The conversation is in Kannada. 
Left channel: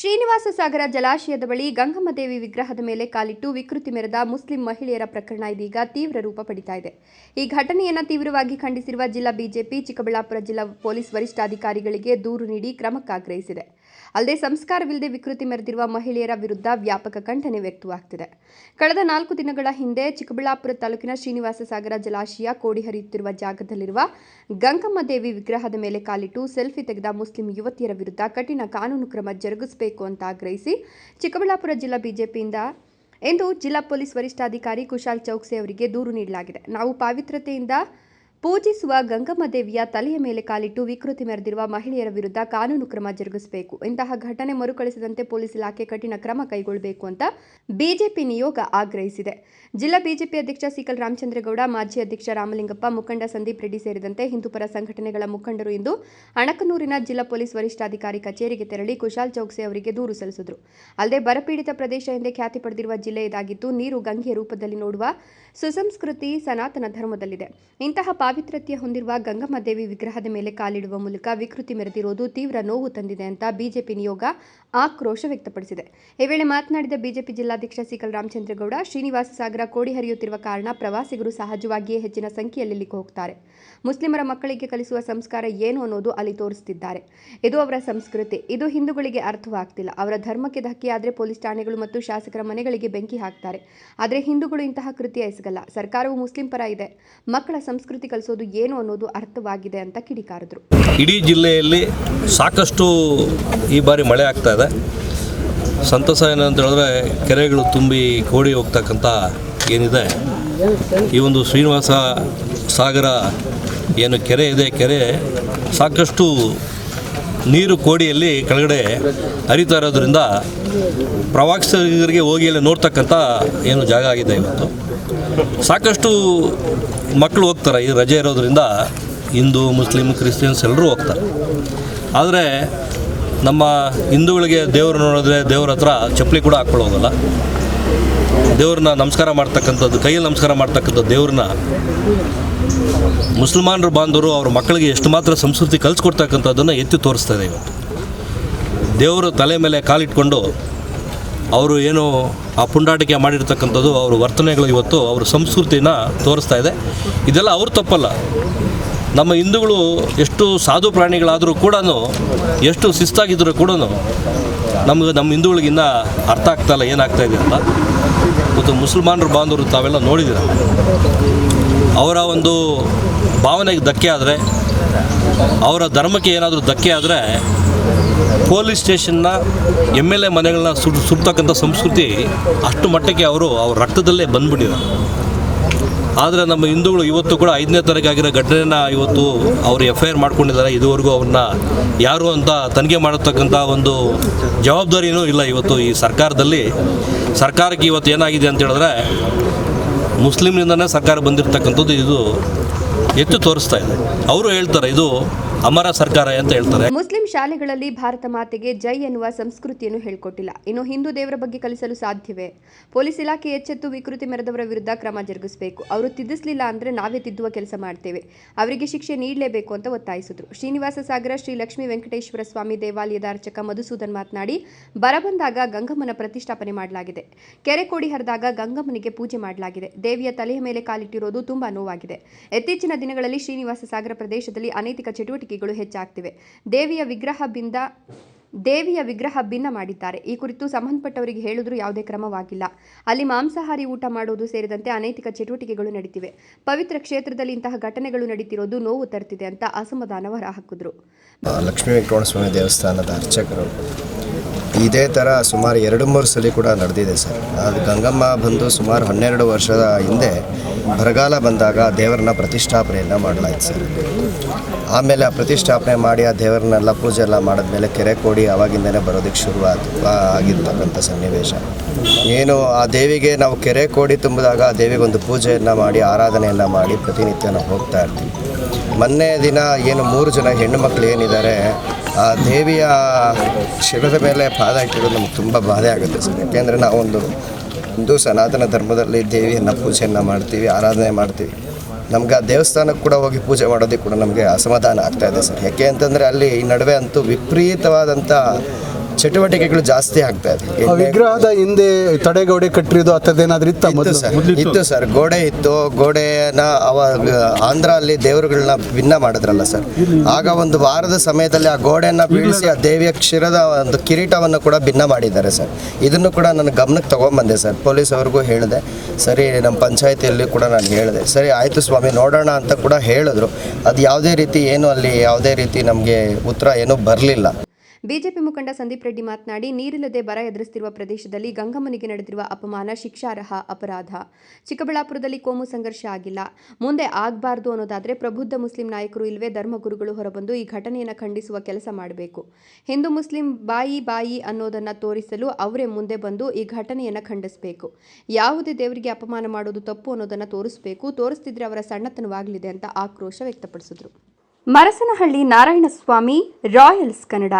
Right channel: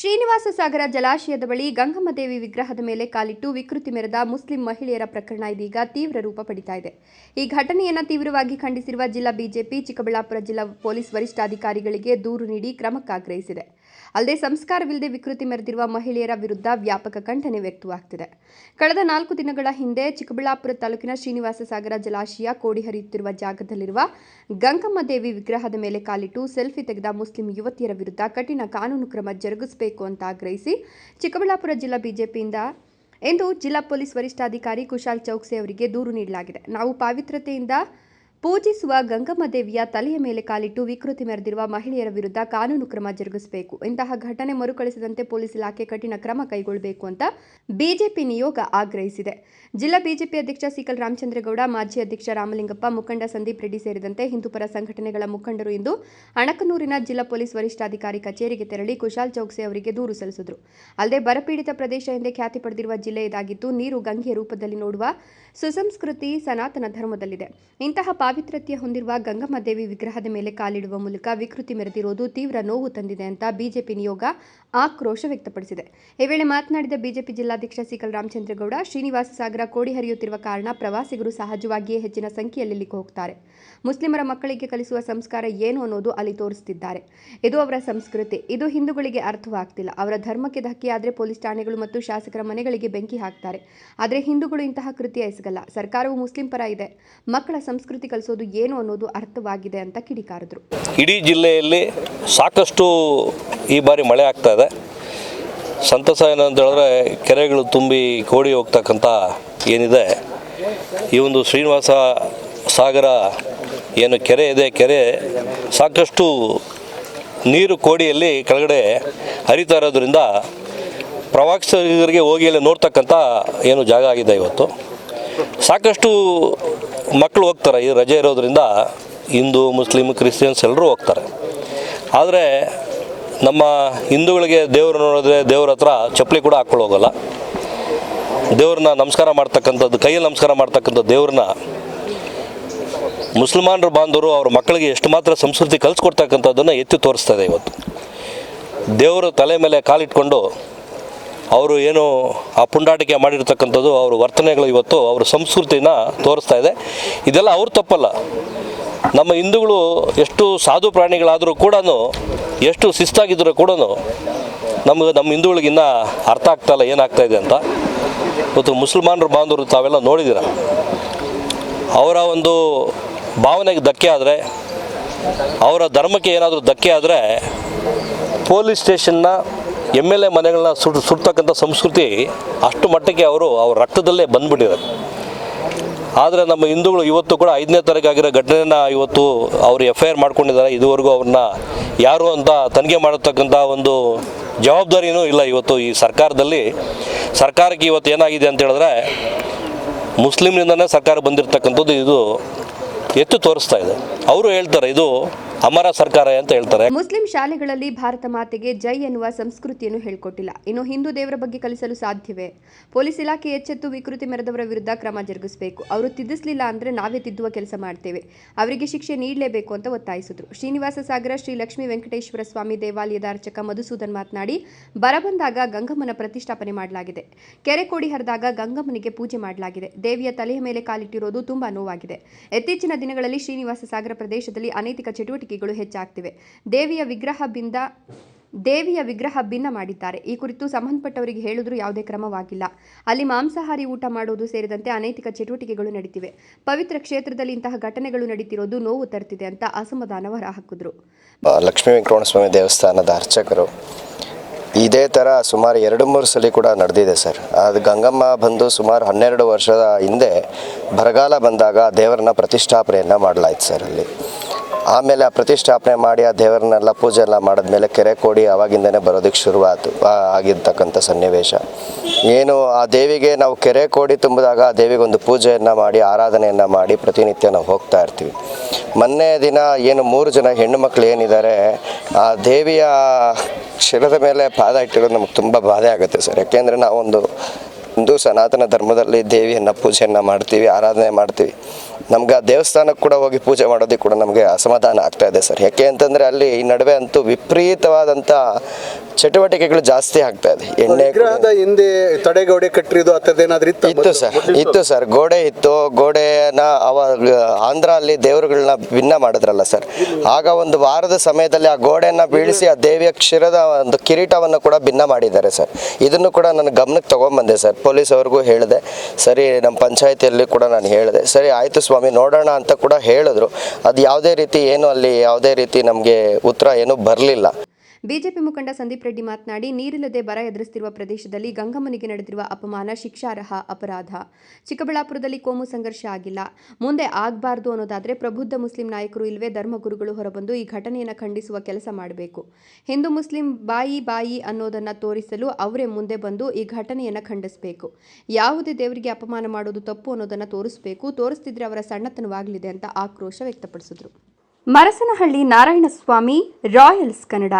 ಶ್ರೀನಿವಾಸ ಸಾಗರ ಜಲಾಶಯದ ಬಳಿ ಗಂಗಮ್ಮ ದೇವಿ ವಿಗ್ರಹದ ಮೇಲೆ ಕಾಲಿಟ್ಟು ವಿಕೃತಿ ಮೆರೆದ ಮುಸ್ಲಿಂ ಮಹಿಳೆಯರ ಪ್ರಕರಣ ಇದೀಗ ತೀವ್ರ ರೂಪ ಪಡಿತಾ ಇದೆ. ಈ ಘಟನೆಯನ್ನು ತೀವ್ರವಾಗಿ ಖಂಡಿಸಿರುವ ಜಿಲ್ಲಾ ಬಿಜೆಪಿ ಚಿಕ್ಕಬಳ್ಳಾಪುರ ಜಿಲ್ಲಾ ಪೊಲೀಸ್ ವರಿಷ್ಠಾಧಿಕಾರಿಗಳಿಗೆ ದೂರು ನೀಡಿ ಕ್ರಮಕ್ಕಾಗ್ರಹಿಸಿದೆ. ಅಲ್ಲದೆ ಸಂಸ್ಕಾರವಿಲ್ಲದೆ ವಿಕೃತಿ ಮೆರೆದಿರುವ ಮಹಿಳೆಯರ ವಿರುದ್ಧ ವ್ಯಾಪಕ ಖಂಡನೆ ವ್ಯಕ್ತವಾಗುತ್ತಿದೆ. ಕಳೆದ 4 ದಿನಗಳ ಹಿಂದೆ ಚಿಕ್ಕಬಳ್ಳಾಪುರ ತಾಲೂಕಿನ ಶ್ರೀನಿವಾಸ ಸಾಗರ ಜಲಾಶಯ ಕೋಡಿ ಹರಿಯುತ್ತಿರುವ ಜಾಗದಲ್ಲಿರುವ ಗಂಗಮ್ಮ ದೇವಿ ವಿಗ್ರಹದ ಮೇಲೆ ಕಾಲಿಟ್ಟು ಸೆಲ್ಫಿ ತೆಗೆದ ಮುಸ್ಲಿಂ ಯುವತಿಯರ ವಿರುದ್ಧ ಕಠಿಣ ಕಾನೂನು ಕ್ರಮ ಜರುಗಿಸಬೇಕು ಅಂತ ಆಗ್ರಹಿಸಿ ಚಿಕ್ಕಬಳ್ಳಾಪುರ ಜಿಲ್ಲಾ ಬಿಜೆಪಿಯಿಂದ ಇಂದು ಜಿಲ್ಲಾ ಪೊಲೀಸ್ ವರಿಷ್ಠಾಧಿಕಾರಿ ಕುಶಾಲ್ ಚೌಕ್ಸಿ ಅವರಿಗೆ ದೂರು ನೀಡಲಾಗಿದೆ. ನಾವು ಪಾವಿತ್ರತೆಯಿಂದ ಪೂಜಿಸುವ ಗಂಗಮ್ಮ ದೇವಿಯ ತಲೆಯ ಮೇಲೆ ಕಾಲಿಟ್ಟು ವಿಕೃತಿ ಮೆರೆದಿರುವ ಮಹಿಳೆಯರ ವಿರುದ್ಧ ಕಾನೂನು ಕ್ರಮ ಜರುಗಿಸಬೇಕು. ಇಂತಹ ಘಟನೆ ಮರುಕಳಿಸದಂತೆ ಪೊಲೀಸ್ ಇಲಾಖೆ ಕಠಿಣ ಕ್ರಮ ಕೈಗೊಳ್ಳಬೇಕು ಅಂತ ಬಿಜೆಪಿ ನಿಯೋಗ ಆಗ್ರಹಿಸಿದೆ. ಜಿಲ್ಲಾ ಬಿಜೆಪಿ ಅಧ್ಯಕ್ಷ ಸಿಕಲ್ ರಾಮಚಂದ್ರಗೌಡ, ಮಾಜಿ ಅಧ್ಯಕ್ಷ ರಾಮಲಿಂಗಪ್ಪ, ಮುಖಂಡ ಸಂದೀಪ್ ರೆಡ್ಡಿ ಸೇರಿದಂತೆ ಹಿಂದೂಪರ ಸಂಘಟನೆಗಳ ಮುಖಂಡರು ಇಂದು ಅಣಕನೂರಿನ ಜಿಲ್ಲಾ ಪೊಲೀಸ್ ವರಿಷ್ಠಾಧಿಕಾರಿ ಕಚೇರಿಗೆ ತೆರಳಿ ಕುಶಾಲ್ ಚೌಕ್ಸಿ ಅವರಿಗೆ ದೂರು ಸಲ್ಲಿಸಿದರು. ಅಲ್ಲದೆ ಬರಪೀಡಿತ ಪ್ರದೇಶ ಎಂದೇ ಖ್ಯಾತಿ ಪಡೆದಿರುವ ಜಿಲ್ಲೆ ಇದಾಗಿದ್ದು ನೀರು ಗಂಗೆಯ ರೂಪದಲ್ಲಿ ನೋಡುವ ಸುಸಂಸ್ಕೃತಿ ಸನಾತನ ಧರ್ಮದಲ್ಲಿದೆ. ಇಂತಹ ಪಾವಿತ್ರತೆ ಹೊಂದಿರುವ ಗಂಗಮ್ಮ ದೇವಿ ವಿಗ್ರಹದ ಮೇಲೆ ಕಾಲಿಡುವ ಮೂಲಕ ವಿಕೃತಿ ಮೆರೆದಿರುವುದು ತೀವ್ರ ನೋವು ತಂದಿದೆ ಅಂತ ಬಿಜೆಪಿ ನಿಯೋಗ ಆಕ್ರೋಶ ವ್ಯಕ್ತಪಡಿಸಿದೆ. ಈ ವೇಳೆ ಮಾತನಾಡಿದ ಬಿಜೆಪಿ ಜಿಲ್ಲಾಧ್ಯಕ್ಷ ಸಿಕಲ್ ರಾಮಚಂದ್ರಗೌಡ, ಶ್ರೀನಿವಾಸ ಸಾಗರ ಕೋಡಿ ಹರಿಯುತ್ತಿರುವ ಕಾರಣ ಪ್ರವಾಸಿಗರು ಸಹಜವಾಗಿಯೇ ಹೆಚ್ಚಿನ ಸಂಖ್ಯೆಯಲ್ಲಿ ಇಲ್ಲಿಗೆ ಹೋಗ್ತಾರೆ. ಮುಸ್ಲಿಮರ ಮಕ್ಕಳಿಗೆ ಕಲಿಸುವ ಸಂಸ್ಕಾರ ಏನು ಅನ್ನೋದು ಅಲ್ಲಿ ತೋರಿಸುತ್ತಿದ್ದಾರೆ. ಇದು ಅವರ ಸಂಸ್ಕೃತಿ. ಇದು ಹಿಂದೂಗಳಿಗೆ ಅರ್ಥವಾಗ್ತಿಲ್ಲ. ಅವರ ಧರ್ಮಕ್ಕೆ ಧಕ್ಕೆಯಾದರೆ ಪೊಲೀಸ್ ಠಾಣೆಗಳು ಮತ್ತು ಶಾಸಕರ ಮನೆಗಳಿಗೆ ಬೆಂಕಿ ಹಾಕ್ತಾರೆ. ಆದರೆ ಹಿಂದೂಗಳು ಇಂತಹ ಕೃತ್ಯ ಎಸಗಲ್ಲ. ಸರ್ಕಾರವು ಮುಸ್ಲಿಂ ಪರ ಇದೆ. ಮಕ್ಕಳ ಸಂಸ್ಕೃತಿ ಕಲಿಸೋದು ಏನು ಅನ್ನೋದು ಅರ್ಥವಾಗಿದೆ ಅಂತ ಕಿಡಿಕಾರಿದ್ರು. ಇಡೀ ಜಿಲ್ಲೆಯಲ್ಲಿ ಸಾಕಷ್ಟು ಈ ಬಾರಿ ಮಳೆ ಆಗ್ತಾ ಇದೆ. ಸಂತಸ ಏನಂತ ಹೇಳಿದ್ರೆ ಕೆರೆಗಳು ತುಂಬಿ ಕೋಡಿ ಹೋಗ್ತಕ್ಕಂಥ ಏನಿದೆ, ಈ ಒಂದು ಶ್ರೀನಿವಾಸ ಸಾಗರ ಏನು ಕೆರೆ ಇದೆ, ಕೆರೆ ಸಾಕಷ್ಟು ನೀರು ಕೋಡಿಯಲ್ಲಿ ಕೆಳಗಡೆ ಹರಿತಾ ಇರೋದ್ರಿಂದ ಪ್ರವಾಸಿಗರಿಗೆ ಹೋಗಿ ಅಲ್ಲಿ ನೋಡ್ತಕ್ಕಂಥ ಏನು ಜಾಗ ಆಗಿದೆ. ಇವತ್ತು ಸಾಕಷ್ಟು ಮಕ್ಕಳು ಹೋಗ್ತಾರೆ. ಈ ರಜೆ ಇರೋದ್ರಿಂದ ಹಿಂದೂ, ಮುಸ್ಲಿಂ, ಕ್ರಿಶ್ಚಿಯನ್ಸ್ ಎಲ್ಲರೂ ಹೋಗ್ತಾರೆ. ಆದರೆ ನಮ್ಮ ಹಿಂದೂಗಳಿಗೆ ದೇವರು ನೋಡಿದ್ರೆ ದೇವ್ರ ಹತ್ರ ಚಪ್ಪಲಿ ಕೂಡ ಹಾಕ್ಕೊಂಡು ಹೋಗಲ್ಲ. ದೇವ್ರನ್ನ ನಮಸ್ಕಾರ ಮಾಡ್ತಕ್ಕಂಥದ್ದು, ಕೈಯಲ್ಲಿ ನಮಸ್ಕಾರ ಮಾಡ್ತಕ್ಕಂಥ ದೇವ್ರನ್ನ ಮುಸಲ್ಮಾನರ ಬಾಂಧವರು ಅವ್ರ ಮಕ್ಕಳಿಗೆ ಎಷ್ಟು ಮಾತ್ರ ಸಂಸ್ಕೃತಿ ಕಲಿಸ್ಕೊಡ್ತಕ್ಕಂಥದ್ದನ್ನು ಎತ್ತಿ ತೋರಿಸ್ತಾ ಇದೆ. ಇವತ್ತು ದೇವರ ತಲೆ ಮೇಲೆ ಕಾಲಿಟ್ಕೊಂಡು ಅವರು ಏನು ಆ ಪುಂಡಾಟಿಕೆ ಮಾಡಿರ್ತಕ್ಕಂಥದ್ದು ಅವ್ರ ವರ್ತನೆಗಳು ಇವತ್ತು ಅವ್ರ ಸಂಸ್ಕೃತಿನ ತೋರಿಸ್ತಾ ಇದೆ. ಇದೆಲ್ಲ ಅವ್ರು ತಪ್ಪಲ್ಲ. ನಮ್ಮ ಹಿಂದೂಗಳು ಎಷ್ಟು ಸಾಧು ಪ್ರಾಣಿಗಳಾದರೂ ಕೂಡ, ಎಷ್ಟು ಶಿಸ್ತಾಗಿದ್ದರೂ ಕೂಡ ನಮ್ಮ ಹಿಂದೂಗಳಿಗಿನ್ನ ಅರ್ಥ ಆಗ್ತಾಯಿಲ್ಲ ಏನಾಗ್ತಾ ಇದೆ ಅಂತ. ಇವತ್ತು ಮುಸಲ್ಮಾನರ ಬಾಂಧವರು ತಾವೆಲ್ಲ ನೋಡಿದ್ದೀರ. ಅವರ ಒಂದು ಭಾವನೆಗೆ ಧಕ್ಕೆ ಆದರೆ, ಅವರ ಧರ್ಮಕ್ಕೆ ಏನಾದರೂ ಧಕ್ಕೆ ಆದರೆ ಪೊಲೀಸ್ ಸ್ಟೇಷನ್ನ MLA ಮನೆಗಳನ್ನ ಸುಡ್ತಕ್ಕಂಥ ಸಂಸ್ಕೃತಿ ಅಷ್ಟು ಮಟ್ಟಕ್ಕೆ ಅವ್ರ ರಕ್ತದಲ್ಲೇ ಬಂದ್ಬಿಟ್ಟಿದ್ದಾರೆ. ಆದರೆ ನಮ್ಮ ಹಿಂದೂಗಳು ಇವತ್ತು ಕೂಡ 5ನೇ ತಾರೀಕು ಆಗಿರೋ ಘಟನೆನ ಇವತ್ತು ಅವರು FIR ಮಾಡ್ಕೊಂಡಿದ್ದಾರೆ. ಇದುವರೆಗೂ ಅವ್ರನ್ನ ಯಾರು ಅಂತ ತನಿಖೆ ಮಾಡತಕ್ಕಂಥ ಒಂದು ಜವಾಬ್ದಾರಿನೂ ಇಲ್ಲ ಇವತ್ತು ಈ ಸರ್ಕಾರದಲ್ಲಿ. ಸರ್ಕಾರಕ್ಕೆ ಇವತ್ತು ಏನಾಗಿದೆ ಅಂತ ಹೇಳಿದ್ರೆ, ಮುಸ್ಲಿಮ್ನಿಂದನೇ ಸರ್ಕಾರ ಬಂದಿರತಕ್ಕಂಥದ್ದು ಇದು ಎತ್ತು ತೋರಿಸ್ತಾ ಇದೆ. ಅವರು ಹೇಳ್ತಾರೆ ಇದು ಅಮರ ಸರ್ಕಾರ ಅಂತ ಹೇಳ್ತಾರೆ. ಮುಸ್ಲಿಂ ಶಾಲೆಗಳಲ್ಲಿ ಭಾರತ ಮಾತೆಗೆ ಜೈ ಎನ್ನುವ ಸಂಸ್ಕೃತಿಯನ್ನು ಹೇಳ್ಕೊಟ್ಟಿಲ್ಲ. ಇನ್ನು ಹಿಂದೂ ದೇವರ ಬಗ್ಗೆ ಕಲಿಸಲು ಸಾಧ್ಯವೇ? ಪೊಲೀಸ್ ಇಲಾಖೆ ಎಚ್ಚೆತ್ತು ವಿಕೃತಿ ಮೆರೆದವರ ವಿರುದ್ಧ ಕ್ರಮ ಜರುಗಿಸಬೇಕು. ಅವರು ತಿದ್ದಿಸಲಿಲ್ಲ ಅಂದರೆ ನಾವೇ ತಿದ್ದುವ ಕೆಲಸ ಮಾಡ್ತೇವೆ. ಅವರಿಗೆ ಶಿಕ್ಷೆ ನೀಡಲೇಬೇಕು ಅಂತ ಒತ್ತಾಯಿಸಿದ್ರು. ಶ್ರೀನಿವಾಸ ಸಾಗರ ಶ್ರೀ ಲಕ್ಷ್ಮೀ ವೆಂಕಟೇಶ್ವರ ಸ್ವಾಮಿ ದೇವಾಲಯದ ಅರ್ಚಕ ಮಧುಸೂದನ್ ಮಾತನಾಡಿ, ಬರ ಬಂದಾಗ ಗಂಗಮ್ಮನ ಪ್ರತಿಷ್ಠಾಪನೆ ಮಾಡಲಾಗಿದೆ. ಕೆರೆ ಕೋಡಿ ಹರಿದಾಗ ಗಂಗಮ್ಮನಿಗೆ ಪೂಜೆ ಮಾಡಲಾಗಿದೆ. ದೇವಿಯ ತಲೆಯ ಮೇಲೆ ಕಾಲಿಟ್ಟಿರೋದು ತುಂಬಾ ನೋವಾಗಿದೆ. ಇತ್ತೀಚಿನ ದಿನಗಳಲ್ಲಿ ಶ್ರೀನಿವಾಸ ಸಾಗರ ಪ್ರದೇಶದಲ್ಲಿ ಅನೈತಿಕ ಚಟುವಟಿಕೆಗಳು ಹೆಚ್ಚಾಗ್ತಿವೆ. ದೇವಿಯ ವಿಗ್ರಹ ಭಿನ್ನ ಮಾಡಿದ್ದಾರೆ. ಈ ಕುರಿತು ಸಂಬಂಧಪಟ್ಟವರಿಗೆ ಹೇಳಿದ್ರೂ ಯಾವುದೇ ಕ್ರಮವಾಗಿಲ್ಲ. ಅಲ್ಲಿ ಮಾಂಸಾಹಾರಿ ಊಟ ಮಾಡೋದು ಸೇರಿದಂತೆ ಅನೈತಿಕ ಚಟುವಟಿಕೆಗಳು ನಡೀತಿವೆ. ಪವಿತ್ರ ಕ್ಷೇತ್ರದಲ್ಲಿ ಇಂತಹ ಘಟನೆಗಳು ನಡೀತಿರೋದು ನೋವು ತರ್ತಿದೆ ಅಂತ ಅಸಮಾಧಾನ ಹೊರಹಾಕಿದ್ರು. ಲಕ್ಷ್ಮೀ ವೆಂಕಟರಮಣ ಸ್ವಾಮಿ ದೇವಸ್ಥಾನದ ಅರ್ಚಕರು ಇದೇ ಥರ ಸುಮಾರು 2-3 ಸಲ ಕೂಡ ನಡೆದಿದೆ ಸರ್. ಅದು ಗಂಗಮ್ಮ ಬಂದು ಸುಮಾರು 12 ವರ್ಷದ ಹಿಂದೆ ಬರಗಾಲ ಬಂದಾಗ ದೇವರನ್ನ ಪ್ರತಿಷ್ಠಾಪನೆಯನ್ನು ಮಾಡಲಾಯ್ತು ಸರ್. ಅಲ್ಲಿ ಆಮೇಲೆ ಆ ಪ್ರತಿಷ್ಠಾಪನೆ ಮಾಡಿ ಆ ದೇವರನ್ನೆಲ್ಲ ಪೂಜೆ ಎಲ್ಲ ಮಾಡಿದ್ಮೇಲೆ ಕೆರೆ ಕೋಡಿ ಆವಾಗಿಂದನೇ ಬರೋದಕ್ಕೆ ಆಗಿರ್ತಕ್ಕಂಥ ಸನ್ನಿವೇಶ ಏನು, ಆ ದೇವಿಗೆ ನಾವು ಕೆರೆ ಕೋಡಿ ತುಂಬಿದಾಗ ಆ ದೇವಿಗೆ ಒಂದು ಪೂಜೆಯನ್ನು ಮಾಡಿ ಆರಾಧನೆಯನ್ನು ಮಾಡಿ ಪ್ರತಿನಿತ್ಯ ನಾವು ಹೋಗ್ತಾ ಇರ್ತೀವಿ. ಮೊನ್ನೆ ದಿನ ಏನು 3 ಜನ ಹೆಣ್ಣು ಮಕ್ಕಳು ಏನಿದ್ದಾರೆ, ಆ ದೇವಿಯ ಶಿರದ ಮೇಲೆ ಪಾದ ಇಟ್ಟಿರೋದು ನಮ್ಗೆ ತುಂಬ ಬಾಧೆ ಆಗುತ್ತೆ ಸರ್. ಯಾಕೆಂದರೆ ನಾವೊಂದು ಹಿಂದೂ ಸನಾತನ ಧರ್ಮದಲ್ಲಿ ದೇವಿಯನ್ನು ಪೂಜೆಯನ್ನು ಮಾಡ್ತೀವಿ, ಆರಾಧನೆ ಮಾಡ್ತೀವಿ. ನಮಗೆ ಆ ದೇವಸ್ಥಾನಕ್ಕೆ ಕೂಡ ಹೋಗಿ ಪೂಜೆ ಮಾಡೋದಕ್ಕೆ ಕೂಡ ನಮಗೆ ಅಸಮಾಧಾನ ಆಗ್ತಾ ಇದೆ ಸರ್. ಯಾಕೆ ಅಂತಂದರೆ ಅಲ್ಲಿ ಈ ನಡುವೆ ಅಂತೂ ವಿಪರೀತವಾದಂಥ ಚಟುವಟಿಕೆಗಳು ಜಾಸ್ತಿ ಆಗ್ತಾ ಇದೆ. ವಿಗ್ರಹದ ಹಿಂದೆ ತಡೆಗೋಡೆ ಕಟ್ಟಿರೋದು ಅಂತದ್ದೇನಾದ್ರೂ ಇತ್ತು ಸರ್, ಗೋಡೆ ಇತ್ತು. ಗೋಡೆನ ಆಂಧ್ರ ಅಲ್ಲಿ ದೇವರುಗಳನ್ನ ಭಿನ್ನ ಮಾಡಿದ್ರಲ್ಲ ಸರ್, ಆಗ ಒಂದು ವಾರದ ಸಮಯದಲ್ಲಿ ಆ ಗೋಡೆಯನ್ನ ಬೀಳಿಸಿ ಆ ದೇವಿಯ ಕ್ಷೀರದ ಒಂದು ಕಿರೀಟವನ್ನು ಕೂಡ ಭಿನ್ನ ಮಾಡಿದ್ದಾರೆ ಸರ್. ಇದನ್ನು ಕೂಡ ನನ್ನ ಗಮನಕ್ಕೆ ತಗೊಂಡ್ಬಂದೆ ಸರ್, ಪೊಲೀಸ್ ಅವ್ರಿಗೂ ಹೇಳಿದೆ. ಸರಿ, ನಮ್ಮ ಪಂಚಾಯತಿಯಲ್ಲಿ ಕೂಡ ನಾನು ಹೇಳಿದೆ. ಸರಿ ಆಯಿತು ಸ್ವಾಮಿ, ನೋಡೋಣ ಅಂತ ಕೂಡ ಹೇಳಿದ್ರು. ಅದು ಯಾವುದೇ ರೀತಿ ಅಲ್ಲಿ ಯಾವುದೇ ರೀತಿ ನಮಗೆ ಉತ್ತರ ಏನೂ ಬರಲಿಲ್ಲ. ಬಿಜೆಪಿ ಮುಖಂಡ ಸಂದೀಪ್ ರೆಡ್ಡಿ ಮಾತನಾಡಿ, ನೀರಿಲ್ಲದೆ ಬರ ಎದುರಿಸುತ್ತಿರುವ ಪ್ರದೇಶದಲ್ಲಿ ಗಂಗಮ್ಮನಿಗೆ ನಡೆದಿರುವ ಅಪಮಾನ ಶಿಕ್ಷಾರ್ಹ ಅಪರಾಧ. ಚಿಕ್ಕಬಳ್ಳಾಪುರದಲ್ಲಿ ಕೋಮು ಸಂಘರ್ಷ ಆಗಿಲ್ಲ, ಮುಂದೆ ಆಗಬಾರ್ದು ಅನ್ನೋದಾದರೆ ಪ್ರಬುದ್ಧ ಮುಸ್ಲಿಂ ನಾಯಕರು ಇಲ್ಲವೇ ಧರ್ಮಗುರುಗಳು ಹೊರಬಂದು ಈ ಘಟನೆಯನ್ನು ಖಂಡಿಸುವ ಕೆಲಸ ಮಾಡಬೇಕು. ಹಿಂದೂ ಮುಸ್ಲಿಂ ಬಾಯಿ ಅನ್ನೋದನ್ನು ತೋರಿಸಲು ಅವರೇ ಮುಂದೆ ಬಂದು ಈ ಘಟನೆಯನ್ನು ಖಂಡಿಸಬೇಕು. ಯಾವುದೇ ದೇವರಿಗೆ ಅಪಮಾನ ಮಾಡೋದು ತಪ್ಪು ಅನ್ನೋದನ್ನು ತೋರಿಸಬೇಕು. ತೋರಿಸ್ತಿದ್ರೆ ಅವರ ಸಣ್ಣತನವಾಗಲಿದೆ ಅಂತ ಆಕ್ರೋಶ ವ್ಯಕ್ತಪಡಿಸಿದರು. ಮರಸನಹಳ್ಳಿ ನಾರಾಯಣಸ್ವಾಮಿ, ರಾಯಲ್ಸ್ ಕನ್ನಡ.